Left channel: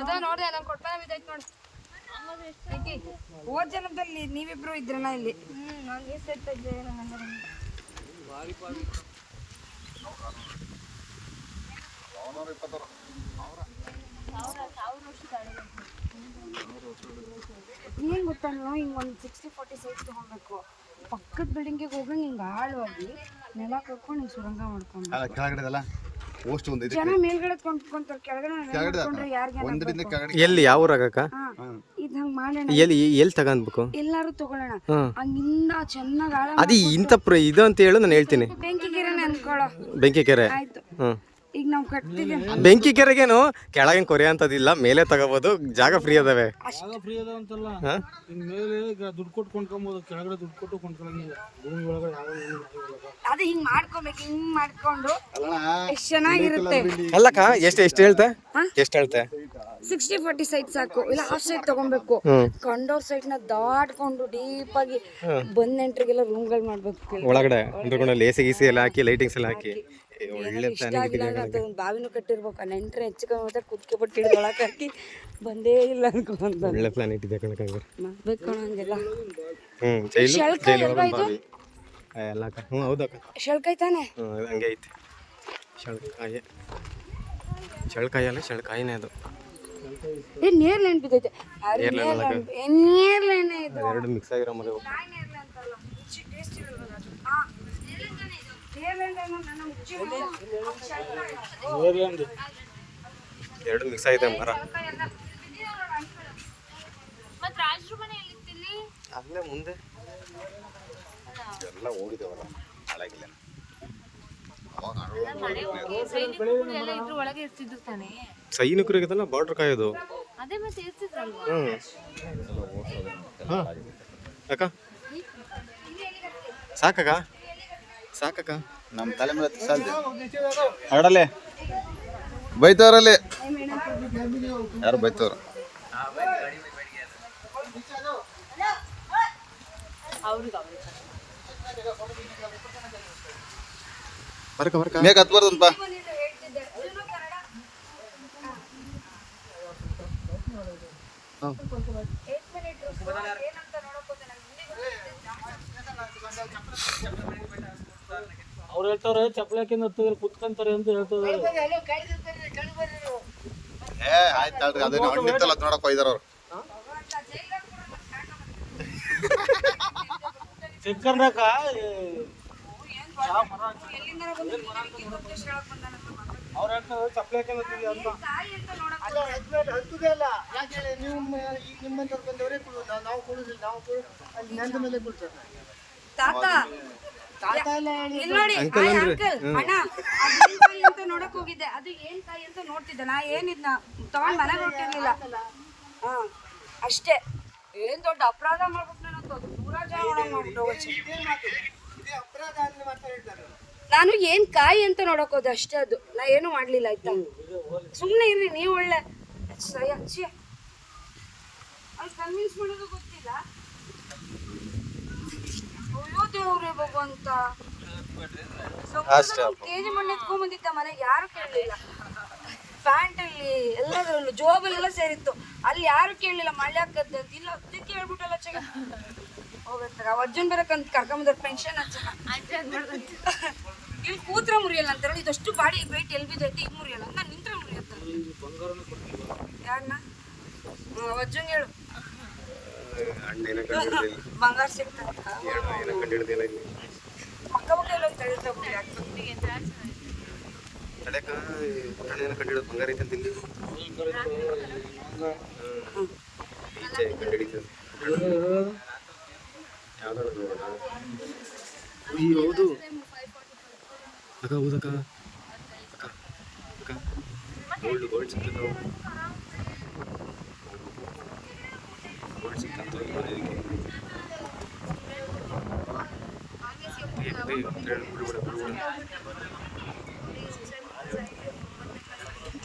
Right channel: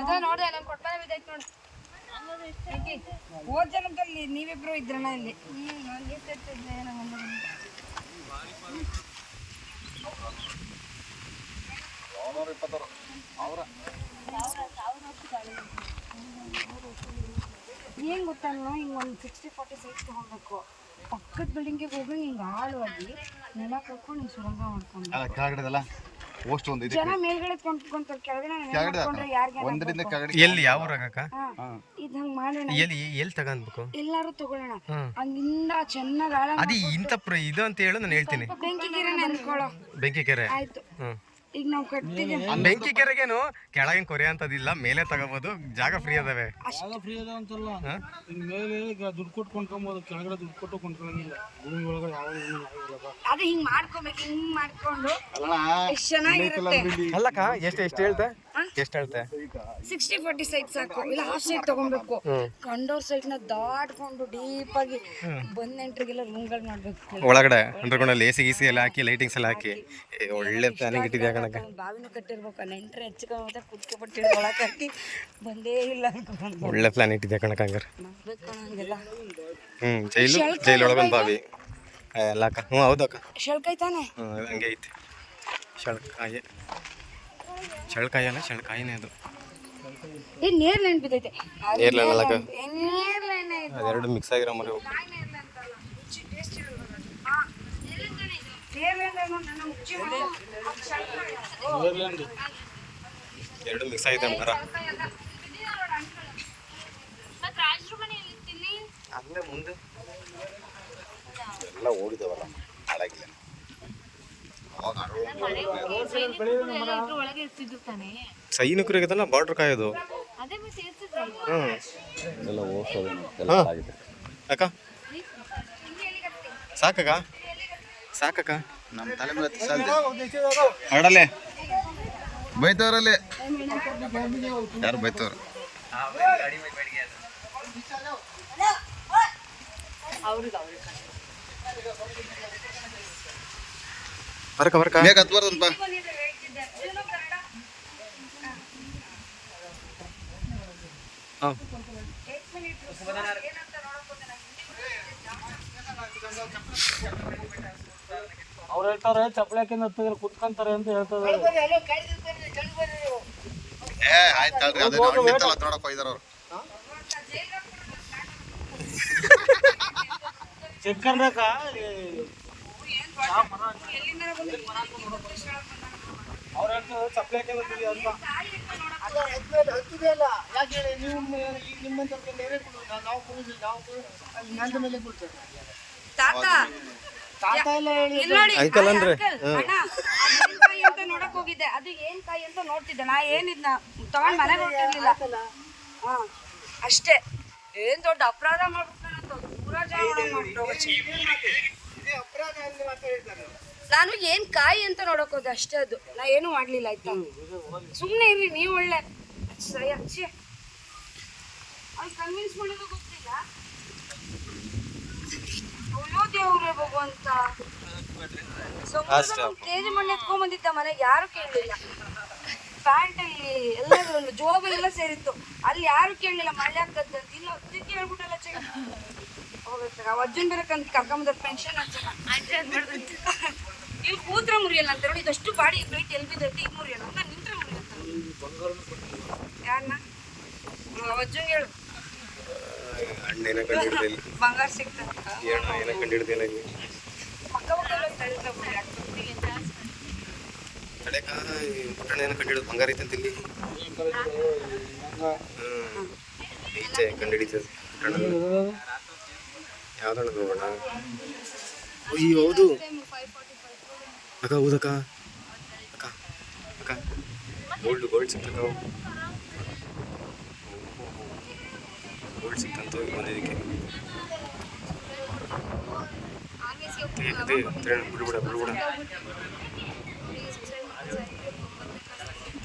ಅದ ನೋಡ್ದೆ ನಂಗೆ ಕೊಟ್ಟಾನೆ ಬಿದ್ದೈತೆ ನೋಡು. ಹೋದ ಜನದಲ್ಲಿ ನೀವಿಬ್ರು ಇದ್ರಲ್ಲ ಇಲ್ಲಿ. ನಾನು ಎಷ್ಟು ಇದ್ದೆ ನಂಗೆ ಏನ್ ಗೊತ್ತಾ, ಹಿಂಗೆ ಒಂದು 60-40 ಸೈಟ್ ತೊಗೊಬೇಕು. ಪಕ್ಕದ ಬಿಲ್ಡಿಂಗಿಗೆ ಹೋಗಿ ಹಿಂಗೆ ಆಳವಾಗಿ ನೆಲ ಕಟ್ಕೊಂಡು ಹಿಂಗೆ ಸುರಂಗ ಮಾಡ್ಕೊಂಡು ಜನ ಮೇಲ್ಗಡೆ ಕೊಂಡ್ಕೊಂತಾರೆ, ಕೆಳಗಡೆ ಎಲ್ಲಿ ಯಾವ ಊರಾಗಕ್ಕ ಇದು ಹಂಗೆ ಮಾಡೋಣ. ಎಲ್ಲಿ ತಗೊಂಡ್ಬೇಕು? ಎಲ್ಲಾರು ತಗೊಳ್ಳೋಣ, ಹಂಗಿಂದ ಚೆನ್ನಾಗಿ ಆಳ. ಅದು ಇಂಥ ಇದು ಅಂತ ಹೇಳು, ನಾನು ಹೇಳ್ತೀನಿ. ಬೆಂಕಿಗಿರನೆ ಅನ್ಕೊಳ್ಳೋ. ಬೆಂಕಿ ಕೆರೆ ಆಯ್ತು, ಈಗ ನಾವು ಕಟ್ತಿದ್ದೀವಿ. ಬೆಂಕಿ ಕೆರೆಗೇನು ಕೆಳಗಿನ ಕೊರೆ ಅಂತದಿಲ್ಲ, ಮೇಲೆ ತಗೋಬಹುದು, ಜಾಗ ಫ್ರೀ ಅದಾವೆ. ಜಾಗ ಫ್ರೀ ಅದಾವ ಅಂತಲ್ಲ, ಮೇಲೆ ಈಗ ದುಡ್ಡು ಕೊಟ್ಟು ಕೊಂಡ್ಕೊಬೋದು, ಕೆಳಗಡೆ ದುಡ್ಡು ಕೊಟ್ಟು ಕೊಂಡ್ಕೊಳ್ಳಂಗಿಲ್ಲ. ಭೂಮಿ ಒಳಗಡೆ ಯಾವ ಏನು ಮಾಡಿಲ್ಲಪ್ಪ. ಅದು ಹಿಂಗ್ ಮಾಡ್ಕೊಬೇಕು, ಹಿಂಗ್ ಮಾಡ್ಕೊಂಡು ಎಷ್ಟು ಚೆನ್ನಾಗಿರುತ್ತೆ. ಅಲ್ಲಕ್ಕ ಎಷ್ಟು ಹೇಳ್ತೆ? 60-40 ಸೈಟ್ ಸಾಕು, ಇಲ್ಲ ಹಾಫ್ ಸೈಟ್ ತಗೊಬೇಕು. ಕಂಡೋರ್ ಸೈಟ್ ನ ದಾಟ್ಕೊಂಡು ಡೀಪ್ ಆಗಿ ಬಂದ್ ನೆಂಟ್ರಿಗೆಲ್ಲ ರೂಮ್ಗಳು ಮಾಡ್ಬೇಕು. ಒಳಗಡೆ ಅಂಡರ್ಗ್ರೌಂಡ್ ಎಸಿ ಗೀಸಿ ಎಲ್ಲ ಹಾಕಿ, ಲೈಟಿಂಗ್ಸ್ ಎಲ್ಲ ಹಾಕಿ, ಒಳ್ಳೆ ಪ್ಲಾನಿಂಗ್ ಇಟ್ಟಿದ್ಯಾ ಕಣಕ್ಕೆ. ಬಾವಿನೂ ಕಟ್ಟಿರ್ಬೇಕು, ನೆಂಟ್ರೆ ಹೆಚ್ಚಿಗೆ ಕುತ್ಕೆ ಬಿಟ್ಟಿದ್ದು ಒಳಗೆ ಹಾಕಿ ಬಂದೇ ಇಲ್ಲ ಅನ್ಕೊಂಡು. ಒಳ್ಳೆ ಪ್ಲಾನ್ ಇಟ್ಟಿದ್ಯಾ ಕಣಕ್ಕೆ. ಹಂಗಾರೆ ಮಾಡ್ಬೇಕು ಹಂಗೆಲ್ಲ. ಜೈಲೊಳಗೊಂದು ಬಾವಿ ಎಲ್ಲ ಅಕ್ಕ. ಹೌದು ಅಕ್ಕ, ಶೆಳ್ಕಾಯಿ ತಾನೆ. ಹಂಗೆ ಐತಿ. ಶೆಳ್ಕಾಯಿ ಅಲ್ಲ, ಶೆಳ್ಕಾಯಿನೇ ಅದು. ನೇರ್ ಲೈನ್ ಬಿದ್ದೈತೆ. ಅದೆರಡು ಮಿಕ್ಸ್ ಆಗಿರೋ ಮರಿ. ಎರಡು ಮಿಕ್ಸ್ ಆಗಿದೆ ಮರ. ಅಲ್ಲೇ ಮುಂದೆ ಎಲ್ಲ ಓಡಿದವಲ್ಲ, ಹಾಳಾಗಿಲ್ಲ. ಸೈನಿಕರಿಗೆ ಬಾರ್ಡರ್ ಕಾಯೋದು. ಅಕ್ಕ ಸಾಕಕ್ಕ ನಮ್ಮ ತಲೆ ಮೇಲೆ ಆಡಲೆ ಬೈತವ್ರಲ್ಲಿ ಯಾರು ಬೈತವ್ರು. ಬರ್ಕ ಬೇಗ ಹತ್ಬಾರ್ದಂತ. ಅವ್ರು ಹೇಳ್ತಾರೆ ಚಪ್ಪಲಿ ಹಾಕಿಂದ ಹತ್ತಿದ್ರೆ ಕುತ್ಕೊಂತಾರೆ ಅಂತ ಹೇಳ್ತಾರೆ. ಆಯ್ತು ನೋಡಕ್ ಹೋಯ್ದಾರ ಅವ್ರು. ಚಿಕ್ಕರ್ನಾಕ ಅವ್ರು ಹೇಳ್ತಾರೆ ಚಪ್ಪಲಿ ಹಾಕಿಂದ ಯಾಕೆ ನೀವು ಈಗ ನಿಮ್ಮಂತ ಬಂದವರೇ ನಾವು ಕೊಡುದಿಲ್ಲ, ನಾವು ಅಲ್ಲಿ ನಂದ ಮೇಲೆ ಕೊಡ್ತಾರೆ. ತಾತ ಎಲ್ಲ ಹೇಳಿ ಅಂಕಲ್ ಅಂದ್ರೆ ಕಾಯಿ ಅಂತ ನೋಡಕ್ ಹೋಗಿದ್ದೆ. ಅದು ಏನ್ ಕಾಯಿ ಅಂತ ನೋಡ್ತಿದ್ದೆ ನಾ. ಏನಿದ್ನ ತಗೊಂಡ್ ಮನೆಗೆ ಹೊರಟಿರ್ಲಿಲ್ಲ. ಅಷ್ಟೇ. ಏನ್ ದೊಡ್ಡ ಅಪರಾಧ ಮಾಡ್ಬಿಟ್ಟು ನಾನು ಏನ್ ಕಾಯಿ ಅಂತ ನೋಡಕ್ ಹೋದೆ ಅಷ್ಟೇ. ಅದು ನಾ ಏನು ಮಾಡ್ಲಿಲ್ಲ. ಆಯ್ತಾ, ಸುಮ್ನೆ ಇರ್ರಿ ನೀವು. ಒಳ್ಳೆ ಅಚ್ಚಿ ಅವ್ರು ಕನ್ವಿನ್ಸ್ ಮಾಡೋದು ಗೊತ್ತಿಲ್ಲ. ಅಯ್ಯೋ ದೇವ್ರೆ ಭಗವಂತ, ಕೆಜಿ ಮಣ್ಣು ಎತ್ಕೊಂಡ್ ಬಂದಿದ್ದ ಮನೆಗೆ, ಯಾರು ಕೇಳಲಿಲ್ಲ. ಪ್ಯಾಂಟ್ ಅಲ್ಲಿ ಎಲ್ಲದರಲ್ಲೂ ಜೋಬಲ್ಲೆಲ್ಲ ಸೇರಿತ್ತು. ಅಲ್ಲಿ ಯಾರು ಕೇಳಲಿಲ್ಲ ಮಳೆ ಆಗ್ತದಂತ. ಇಲ್ಲ ಅದಕ್ಕೆ ಹೇಳ್ಬಿಟ್ಟಲ್ಲ ಚೆಗ ಹೋಗ್ಬೇಕು. ಅಜ್ಜನ್ ಬೇರೆ ಕರ್ಕೊಂಬಂದ ಪೆನ್ಷನ್ ಇಲ್ಲಿ ಕೂತ್ರ ಮುರಿಯಲ್ಲ ಅಂತ ನೋಡಿ. ಇದಷ್ಟು ಬಾಡಿ ವೆಯ್ಟ್ ಎಲ್ಲಿ ಬಿದ್ದೈತೆ, ಈಗ ಮುರಿಯಲ್ಲ. ನಾನು ನಿಂತ್ರೆ ಮುರಿಯತ್ತ. ಯಾರನ್ನ ಅಜ್ಜಂಗೆ ಹೇಳು, ಬಂಗಾರ ಸಿಗ್ತದೆ. ತಡೆಕ ಪುಟ್ಟಣ ಏನೋ ಕಂಡಿಡೋದು, ಬಂಗಾರ ಐತಂತ ಇಲ್ಲಿ ಈಚೆ ಕಂಡಿಡಿತದೆ. ಯಾವ್ದಣ್ಣ ಹೋಗೋಣ? ಅಯ್ಯೋ ಹೌದು ಅಕ್ಕ, ಹೌದಕ್ಕ. ಅಕ್ಕ ಗೋಲ್ಡ್ ಸಿಕ್ತಕ್ಕ, ಗೋಲ್ಡ್ ಸಿಕ್ತಂತ ಬಂದಿದ್ದಕ್ಕೆ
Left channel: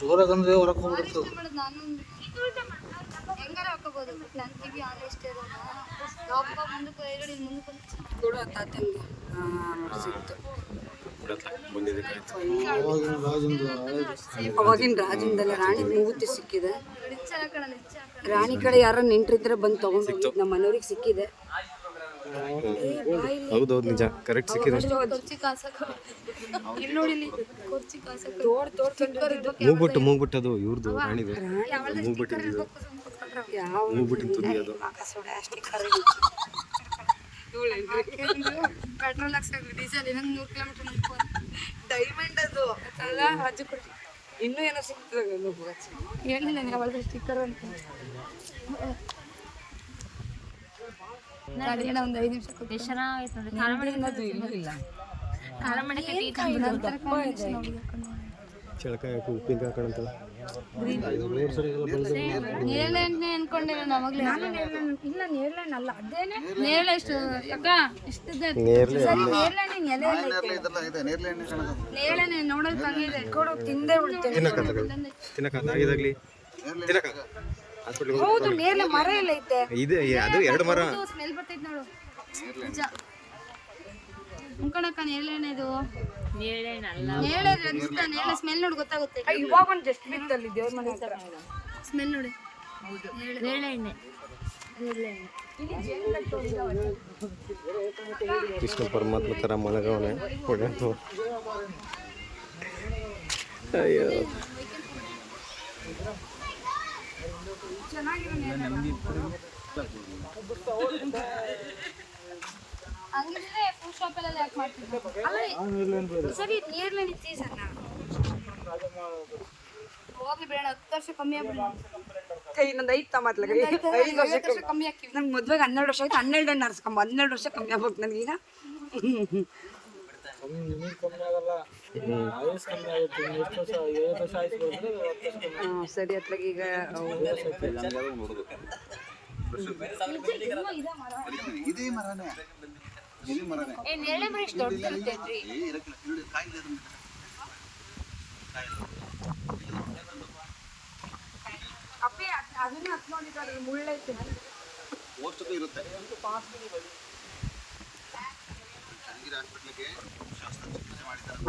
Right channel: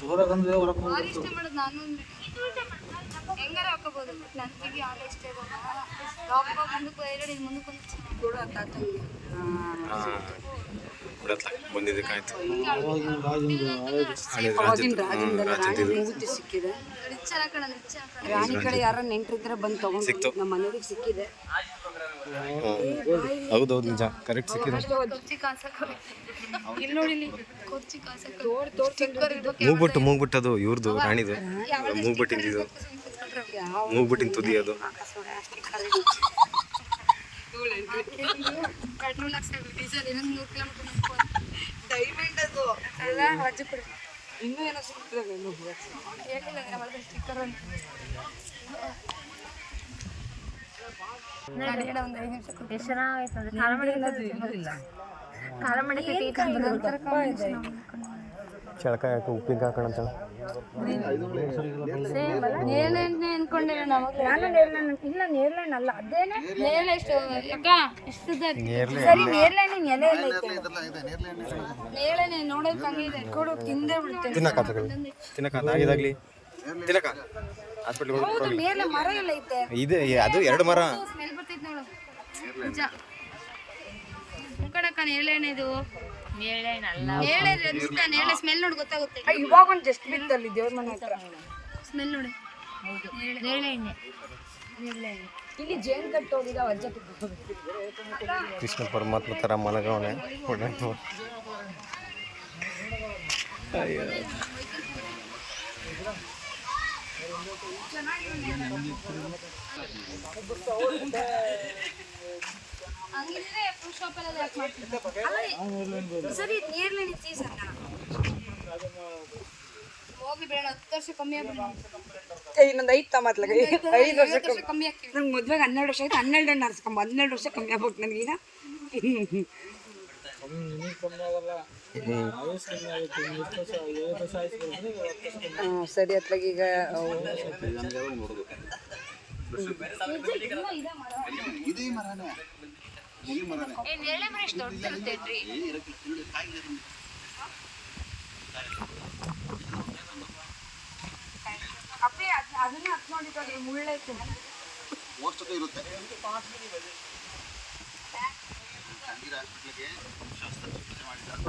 ಜೋರಾಗಂದ್ರೆ ಹೊರಗೆ ಹೋಗ್ಬಿಡ್ತು. ಹೆಂಗಾರ ಹಾಕೋಬಹುದು. ನನ್ನ ಕಿವಿ ಆಗ ಇಷ್ಟ ಇರೋಲ್ಲ. ಮುಂದಕ್ಕೆ ಮುಂದಕ್ಕೆ ಇದ್ರ ಹತ್ರ ಬಂದಿದ್ದಕ್ಕಾಯ್ತು. ಅವಾಗಿನ ರಾಜಂದು ಹಳೇದು. ಅವಾಗಿನ ರಾಜಂದೆಲ್ಲ ರಾಣಿ ಮೂಗುತಿ ಸಿಕ್ಕಿದೆ. ರಾಣಿ ಕಡೆ ಯಾರ ನೆಂಟ್ರಿದ್ರೆ ಬಂದು ತಗೊಂಡು ನಮ್ಮ ಮನೆಯವ್ರಿಗೆ ಸಿಕ್ಕಿದೆ. ಹೌದೌದು ನಿಜ ಕರೆಕ್ಟ್ ಸಿಕ್ಕಿದೆ. ಇಲ್ಲಿ ನೋಡಿ ಮೂಗ್ಬಿಟ್ಟದು ಇವ್ರದ್ದು ರಾಣಿದು ಮೂಗ್ಬಿಟ್ಟಿದ್ದು ಮೂಗ್ಬಿಟ್ಟಿನ ತುದಿ ಅದು. ಪೆಟ್ರೋಲ್ ಹಾಕ್ಸಾಕ್ರಿ ಡೀಸೆಲ್ ಇನ್ನೊಂದು 100 ಕಿಲೋಮೀಟರ್ ಡೈಮಂಡ್ ಅದು. ಇನ್ನೂ ಏನೋ ಸಿಗ್ತದೆ ಹೇಳಿಲ್ಲ ನನಗೆ ಸ್ಟಿಕ್ಕರ್ ಅಂತ ಗಾಡಿನ ಒಂದು 5 ನಿಮಿಷ ಚಳಕ ಯಾಕೆ ಉಪ್ಪಿನ ಹಾಕೋಣಂತ ನೇರಳೆ ಅನ್ಕೊಂಡೆ ನಾನು ಇಲ್ಲ ನೇರಳೆ ಅಲ್ಲ ಅದೇನೆ ನೇರಳೆ ಎಷ್ಟು ಸರಿ ನೇರಳೆ ಎಲೆ ಎಲ್ಲ ಐತೆ ನೇರಳೆ ನೋಡೋದು ತಂಗೆ ಇದೆ ಕೊಡು ತಿಂದೇ ಬಿಡ್ತೇನೆ ತಿನ್ನಕ ಆಗಿದಾಗ್ಲಿ ತಿನ್ನಕ ಹಾಸ್ಪಿಟ್ಲ್ ಹೌದು ನೇರಳೆ ಮರ ಎಲ್ಲ ಐತೆ ಇದೆ ಅದು 2 ಮರ ಸ್ಮೆಲ್ ಬರ್ತೈತೆ ನೋಡು ನಿಜ ಮುಖಡಕ್ಕ ನೇರಳೆ ಇದು ನೇರಳೆ ನೇರಳೆ ಸ್ಮೆಲ್ ನೋಡಿ ಗೊತ್ತಾಗುತ್ತೆ. ಇವಾಗ ಒಂದು ಡಸ್ಟ್ಬಿನ್ ಅಲ್ಲಿ ದೇವ್ರ ಮನೆ ಹತ್ರ ಸ್ಮೆಲ್ ನೋಡಿ ನೇರಳೆ ಎಣ್ಣೆ ಇಲ್ಲಿ ಜೇನು ಕಟ್ಟು ಹೋಗಿದ ಕೃಷ್ಣ ಪರಮಾತ್ಮ ಥರ ಮಲಗವನೆ ಪುಣ್ಯಾತ್ಮ. ಅಯ್ಯೋ ಹಂಗಿದ್ರೆ ಫ್ರೂಟ್ ಶಾಪ್ ಎಲ್ಲ ಯಾಕೆ ಮಾಡ್ತಿದ್ದೆ ಸರಿ ನೇರಳೆ ಸೀಸನ್ ಹೋಗ್ಲಿ ಬೇಡ 10 ವರ್ಷ ಕಮ್ಮಿ ಆಗ್ಬಿಡಿ ಇನ್ನೊಂದು 5 ತಮ್ಮತ್ಲಾಗ 5 ವರ್ಷ ಕಮ್ಮಿ ಆಗ್ತೀವಿ. ನನ್ಗೆ ಮದ್ವೆಗೆ 12 ವರ್ಷ ಆಯ್ತು 12 ಎಣ್ಣೆ ಹರಿಸ್ಕೊಂಬ 12 ವರ್ಷ ಕಮ್ಮಿ ಆಗ್ಬೇಕು ನನಗೀಗ. ಕಮ್ಮಿ ಆಗಲ್ಲ, ಆಯಸ್ ಕಮ್ಮಿ ಆಗುತ್ತೆ. ಇನ್ನು ಎಷ್ಟು ವರ್ಷ 5 ವರ್ಷ ಆಯಸ್ ಬರ್ತದೆ, 10 ವರ್ಷ ಕಮ್ಮಿ ಸರಿ ಅತ್ಲಾಗ ಈಗ ಇದೇ ಮರನೇ ಇಲ್ಲಿ ಮರನೇ ನೇರಳೆ ಮರ ಎಷ್ಟು ದೊಡ್ಡದಿರ್ತೈತ್ರಿ. ಅಪ್ಪಿ ಅದನ್ನ ಹತ್ ನೋಡಿದ್ದಾರೆ ಮುಳ್ಳೈತೆ ಪೋಸ್ಟು ಇರುತ್ತೆ. ಚನ್ನಗಿರಿ ಹಾಸ್ಪಿಟ್ಲಿಗೆ ಶಸ್ತ್ರಚಿಕಿತ್ಸೆ ಮಾಡಿದ್ದಾರೆ.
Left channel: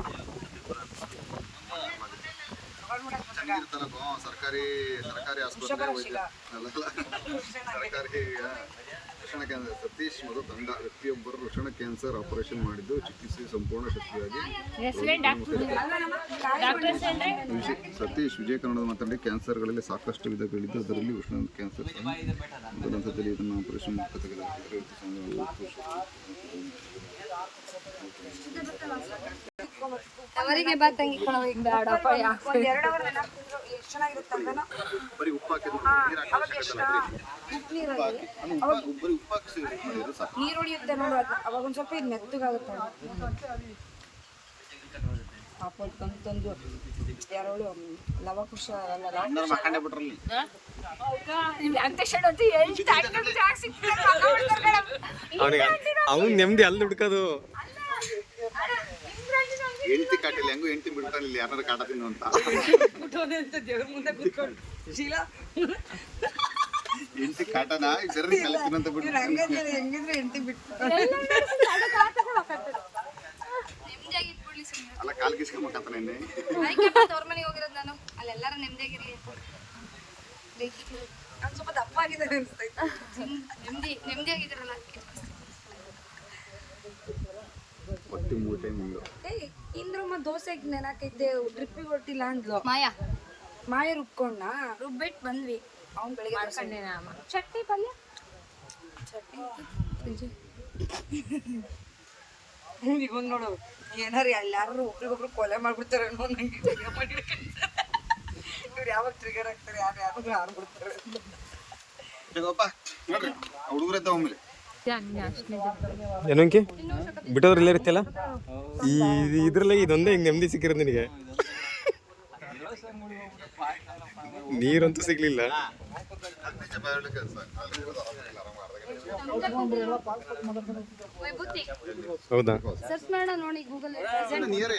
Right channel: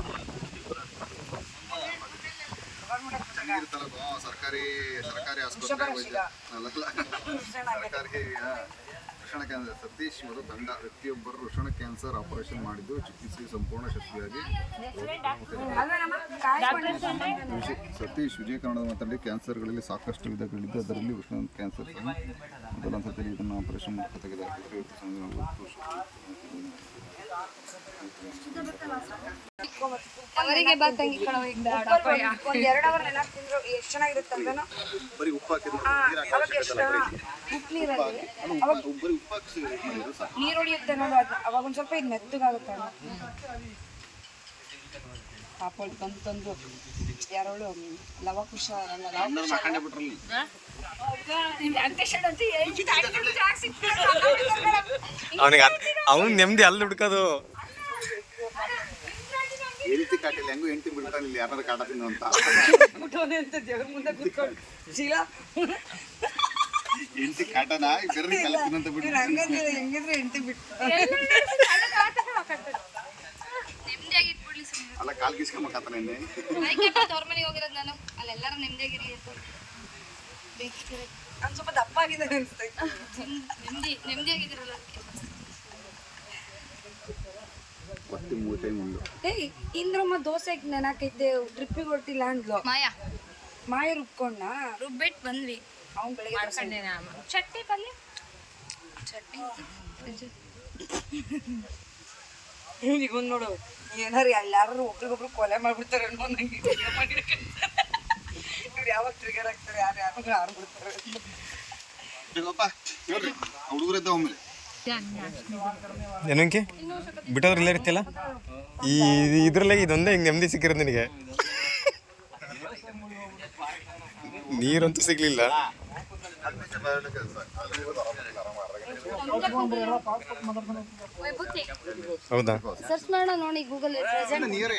ಚನ್ನಗಿರಿ ತಾಲೂಕು ಸರ್ಕಾರಿ ಆಸ್ಪತ್ರೆ ವೈದ್ಯ ಸರ್ಕಾರಿ ವೃಷಣ ಕ್ಯಾನ್ಸರ್ ಸತೀಶ್ ಮತ್ತು ತಂಡ ವ್ಯಕ್ತಿಯೊಬ್ಬರು ವೃಷಣ ಕ್ಯಾನ್ಸರ್ ಆಪರೇಷನ್ ಮಾಡಿದ್ದು ಚಿಕಿತ್ಸೆ ಸಂಪೂರ್ಣ ಶಕ್ತಿಯಾಗಿ ಸತೀಶ್ ವಿಜಯ ಕನ್ನಡದ ಮಾತನಾಡಿ ಕ್ಯಾನ್ಸರ್ಗಳಲ್ಲಿ ಸಾಕಷ್ಟು ವಿಧಗಳಿದ್ದು ಅದರಲ್ಲಿ ವೃಷಣ ಕ್ಯಾನ್ಸರ್ ಸಹ ಮೊದಲ ಹಂತದಲ್ಲಿ ಇದನ್ನು ಆಪರೇಷನ್ ಮೂಲಕ ತೆಗೆದುಹಾಕಿದರೆ ಅವರಿಗೆ ಬಾ ತಂಗಿ ಬೇಡಪ್ಪ 2 ಅವರ್ ಎಲ್ಲ ತಿಂದ್ರು ಎಷ್ಟು ಚೆನ್ನಾಗಿರುತ್ತೆ ಅಂತಾನು. ಬರೀ ಉಪ್ಪು ಅವಾಗ ಎಷ್ಟು ಉಪ್ಪು ನೀರಲ್ಲಿ ನೀರು ಹೊಡಿಯುತ್ತೆ ನೋಡು. ಅದು ಅವಾಗ ಒಂದು ಸ್ವಲ್ಪ ಇದು ಮೆತ್ತಗಾಗುತ್ತೆ. ಪಾಪ ತಂದು ಯಾರೋಳು ಲವಕುಶ ಅಲ್ಲ ಅವನಿಗೆ ಅವನು ನೆಮ್ಮದಿ ಅಲ್ಲಿ ಹುಡ್ಕೋದು. ಹೆಂಡತಿ ಕಾಟಿಲ್ಲ ಹೆಂಗು ಹೆಂಡತಿ ಬಿಡ್ತಾನೆ ಇಲ್ಲಿ ಯಾರು ಕಾಟ ತಿನ್ನು ಅಂತ ಹೆಂಡತಿ ಕಾಟನ ಬೆರ್ರಿ ಕಲೆ ತಿನ್ನಂತ ಬಿಟ್ಟು ಹೆಂಗಿದ್ರೆ ಹೆಂಡತಿ ಬಿಟ್ಟು ಅಲ್ಲ ಕಾಲ್ ಗಿಸ್ಕೊಂಬಕಾತನ ಇನ್ನೇ ತವ್ರ ಮನೆಗೆ ಹೋಗಿರೋದು ನಾನು ಅಲ್ಲೆಲ್ಲಾರು ನೆಮ್ಮದಿಯಾಗಿರ್ಲಿ ಅಂತ ನಾನು ಸ್ವಲ್ಪ ದಪ್ಪ ಆಗಿದ್ದೇನೆ ಅನಿಸ್ತೈತೆ. ನೆಮ್ಮದಿಯಾಗಿದ್ರಲ್ಲ ಒತ್ತಿ 3 ಟೈಮ್ ಮುಂದೆ ಇಂದ್ರಮ್ಮ ದೋಸೆಗೆ ನೆನಾಕೈತೆ ಡ್ರಿಪ್ಪಿಗೆ ಹೊಟ್ಟಿಲ್ಲ ಅಂದ್ಲು. ಮಾಯ ರುಬ್ಕೊಂಡ ರುಬ್ಬಿಟ್ಟು ಬಂದ್ವಿ. ಅವ್ನು ಬೆಳಗ್ಗೆ ಚಟ್ನಿ ಪಲ್ಯ ಈಗ ನೋಡು ಏನಾರು ಎಲ್ಲಾರು ಒಬ್ರಿಗೊಬ್ರು ಕೊಲೆ ಮಾಡ್ಬಿಡ್ತಾರೆ ಅನ್ನೋ ನಂಗೆ ಇವ್ರು ಯಾವಾಗ ಟ್ರಿಗರ್ ಆಗ್ತಾರೆ ಯಾರು ಆಡ್ಬಿಡ್ತಾರೆ. ಬೇಕಪ್ಪ ನೋಡ್ರಿ ಹುಡುಗರದ್ದ ಒಮ್ಮೆ ಏನಂಕೆ ಬಿಟ್ಟೋದ್ರೆ ಇಲ್ಲೇ ಇರ್ತಿಲ್ಲ ಈ ಇದ್ರಲ್ಲೇ ಇದೊಂದೇ ಹಿಂಗೆ ನೆಮ್ಮದಿ ಸಿಕ್ಕಿರೋದು ನಿನಗೆ. ನೀರಂತೂ ಸಿಗ್ಲಿಲ್ಲ. ಹೌದಾ ಸರ್ಚ್ ಮಾಡೋಣ ನೋಡಿ ಗೂಗಲ್ ನೀರೇ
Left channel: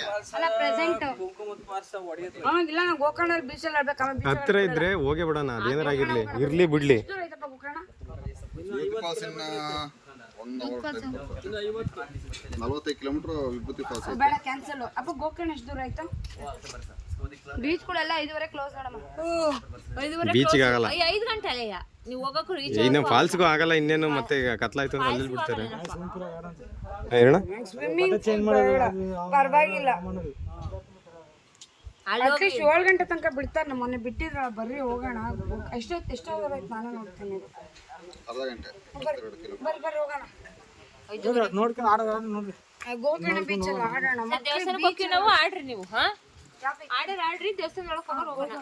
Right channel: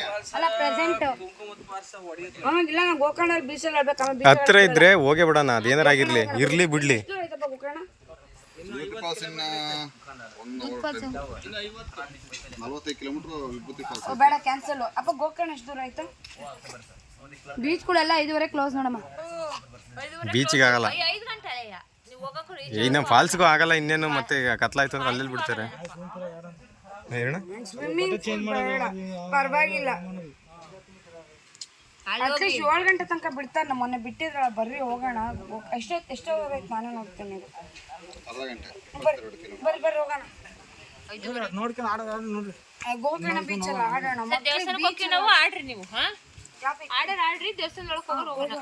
ಪ್ರೆಸೆಂಟ್ ಇಲ್ಲ ನಾನು ಗೋಕರ್ಣ ಬೀಚಲ್ಲಿ ಹೇಳ್ಬೇಕು. ಹತ್ರ ಇದ್ರೆ ಹೋಗೇ ಬಿಡೋಣ, ಅದೇನಾರ ಆಗಿರ್ಲಿ ಇರ್ಲಿ ಬಿಡ್ಲಿ. ಗೋಕರ್ಣ ಪಾಸಿನ 45 ಕಿಲೋಮೀಟ್ರ್ ವಿಭೂತಿ ಫಾಲ್ಸ್. ಬೇಡ ಕ್ಯಾನ್ಸಲ್. ಅಪ್ಪ ಗೋಕರ್ಣ ಎಷ್ಟು ದೂರ ಆಯ್ತಾ? ಬೀಚ್ಗಳೆಲ್ಲ 5:30 ಕ್ಲೋಸ್ ನೋಡಮ್ಮ. ಬೀಚಿಗೆ ಆಗಲ್ಲ, 5 ಗಂಟೆ ಅಲ್ಲಯ್ಯ ನೀವು ಹೋಗಕ್ಕೆ. ಈಗ ನಮ್ಮ ಫಾಲ್ಸ್ಗೂ ಆಗಲ್ಲ. ಇನ್ನೇನು ಮತ್ತೆ ಈಗ ಕತ್ಲಾಯ್ತು ಅಂದ್ರೆ ಅಲ್ಲೆಲ್ಲಿ ಬಿಡ್ತಾರೆ ಹೇಳ. ಸ್ವಿಮ್ಮಿಂಗ್ ಪರವಾಗಿಲ್ಲ, ಅಟ್ಲೀಸ್ಟ್ 7 ಗಂಟೆ ತನಕ ಬಿಡ್ತಾರೆ. ನಮ್ಮ ಮೊನ್ನೆ ಬಿಟ್ಟಿದ್ರ, ಬರ್ರಿ ಹೋಗೋಣ. ಎಷ್ಟೋ ಅವರ್ ಆಯ್ತು, ನಾನೇ ನೋಡ್ತೇನೆ. ಅರ್ಧ ಗಂಟೆ, 2 ಕಿಲೋಮೀಟರ್. ಬರ್ರಿ ಹೋಗೋಣ. ನೋಡ್ಕೊಂಡು ಆಡೋಣ ನೋಡ್ರಿ. ಗೋಕರ್ಣ ಬೀಚಲ್ಲಿ ಆಡೋಣ. ದೇವಸ್ಥಾನಕ್ಕೆ ಹೋಗಿ ನಾವು ಆಡ್ರಿ ನೀವು. ಆರ್ಡರ್ ಆಡ್ರಿ, ದೇವಸ್ಥಾನ ಒಳಗೆ ಹೋಗೋಣ.